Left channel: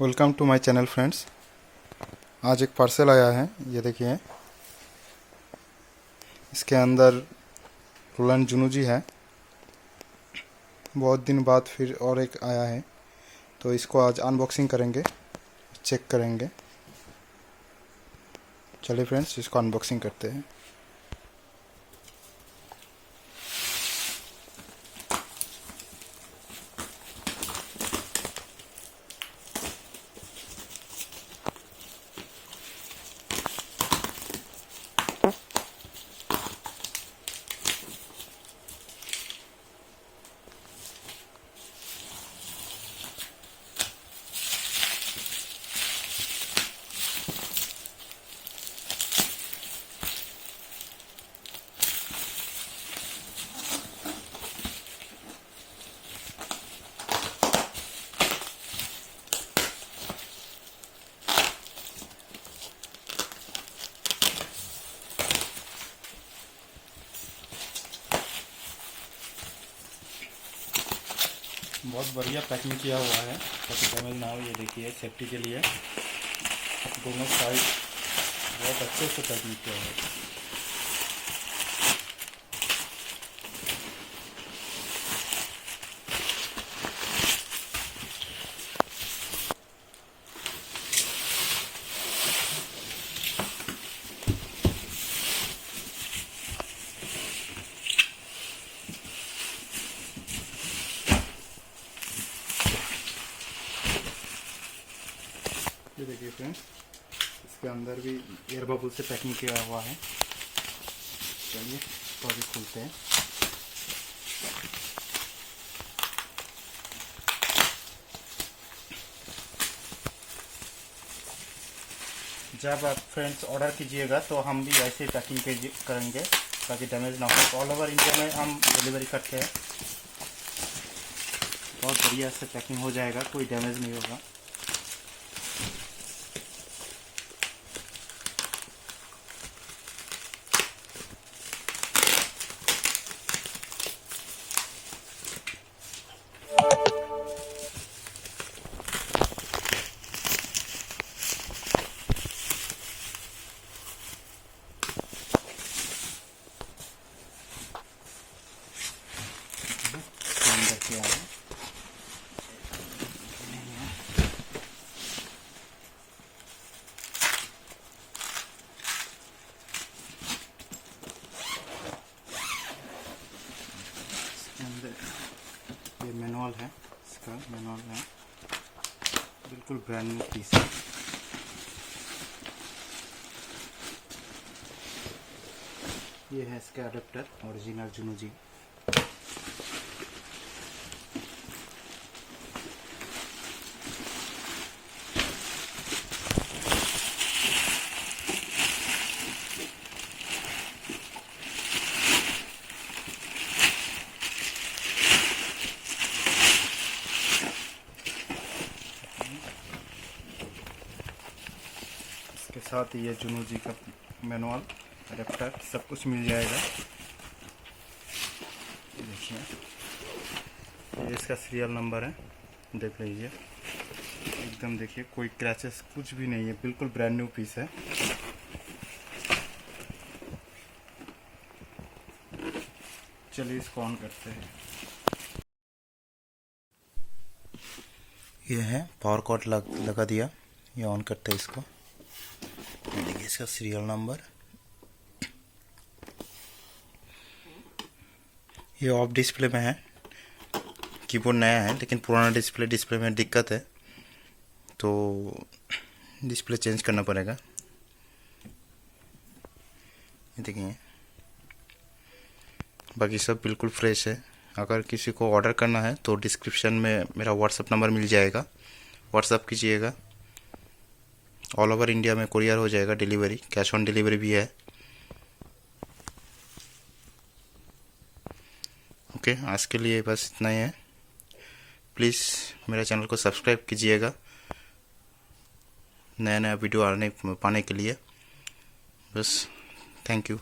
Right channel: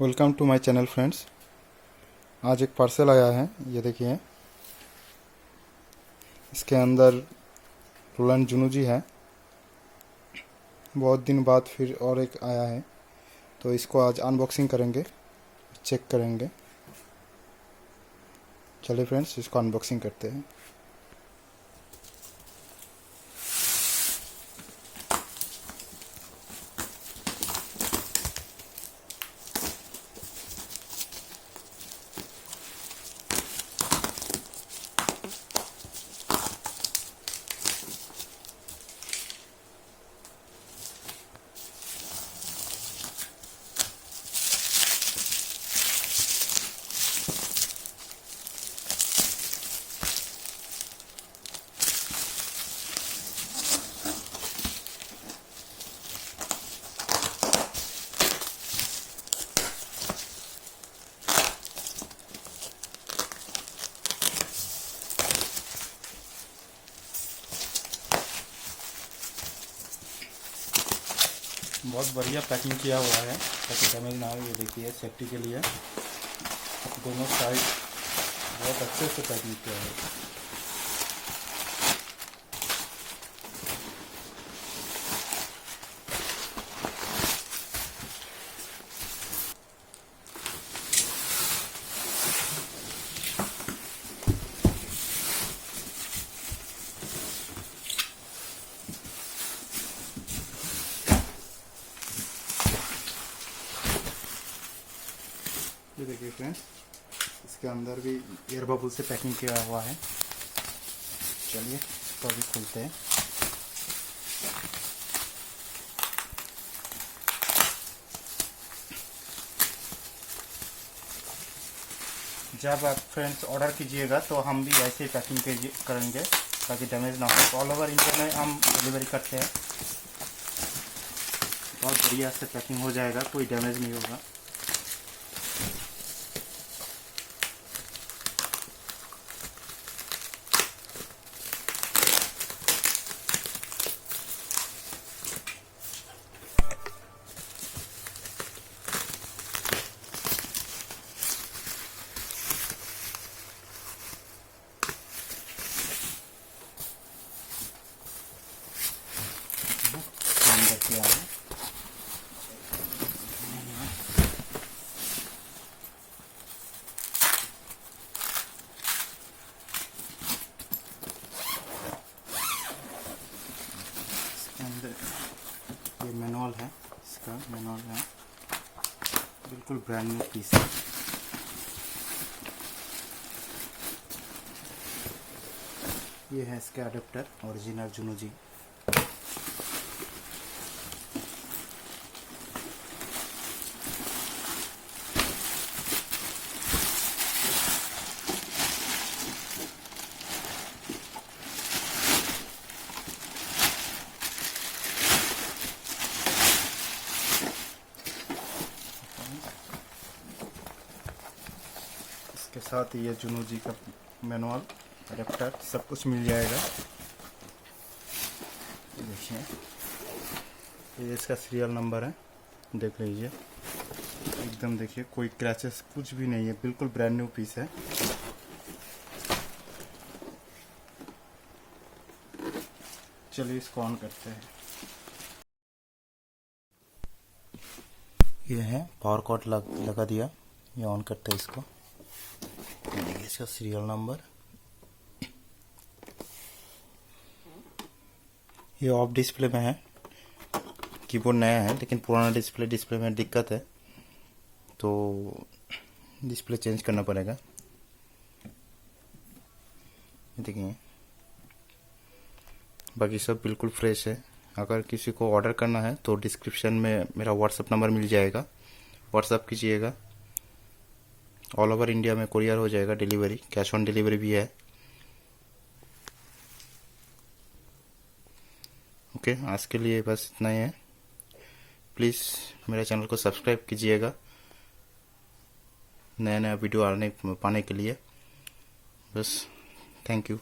Welcome to my channel friends. आज एक parcel आया है, ये देखिए। इसके अंदर रोलैंड जुनू जी है। बहुत दिन बाद फिर और एक आया है, तो इसको आज अनबॉक्सिंग करेंगे, चेक करेंगे। चलिए फ्रेंड्स, इसको अनबॉक्सिंग करते हैं। बहुत बढ़िया पैकिंग किया हुआ है ताकि डैमेज ना हो। ये देखिए, सेफ्टी के लिए दोनों साइड बहुत अच्छे से पैकिंग किया है। ये देखिए फ्रेंड्स, इसके अंदर भी एयर बबल से पैकिंग किया हुआ है। चलिए इसको अभी खोलते हैं। जब आप फ्रेंड्स ऑर्डर कीजिएगा तो हम भी ऐसे ही पैकिंग करेंगे ताकि डैमेज ना हो। ऑल ओवर इंडिया में हम डिलीवरी करते हैं। बहुत बढ़िया से पैकिंग हो जाएगा, कोई डैमेज नहीं होगा। अंदर किया है अंदर। ये मैनुअल है, इसका मैनुअल है, बिल्कुल ब्रांड न्यू पीस है। ये है इसका अडेप्टर, ओरिजिनल जुनू जी। इसके साथ ये जुनू जी का मैनुअल, अडेप्टर सब कुछ मिल जाएगा। देखिए, ये इसका सीरियल नंबर है, देख लीजिए। एकदम देखिए, कोई क्रैचेस कुछ भी नहीं है, बिल्कुल ब्रांड न्यू पीस है। चलिए इसको ऑन करते हैं। ये है पावर कॉर्ड लगा दिया। ये ऑन करते हैं इसको। ये देखिए, इसका सीरियल नंबर। ये ऑफ डिस्प्ले में है, कीबोर्ड नया है लेकिन पुराना डिस्प्ले में दिक्कत है, तो डिस्प्ले चेंज करना पड़ेगा। ये देखिए, बाकी सब बिल्कुल फ्रेश है। अगर किसी को ऑर्डर करना है तो डिस्क्रिप्शन में मेरा व्हाट्सअप नंबर मिल जाएगा, व्हाट्सअप कीजिएगा। ऑल ओवर इंडिया में कुरियर हो जाएगा, डिलीवरी, कैश ऑन डिलीवरी भी है। ओके, आज के लिए बस इतना ही है। प्लीज़ मेरा चैनल को सब्सक्राइब कीजिएगा नया वीडियो पाने के लिए। बस, थैंक यू।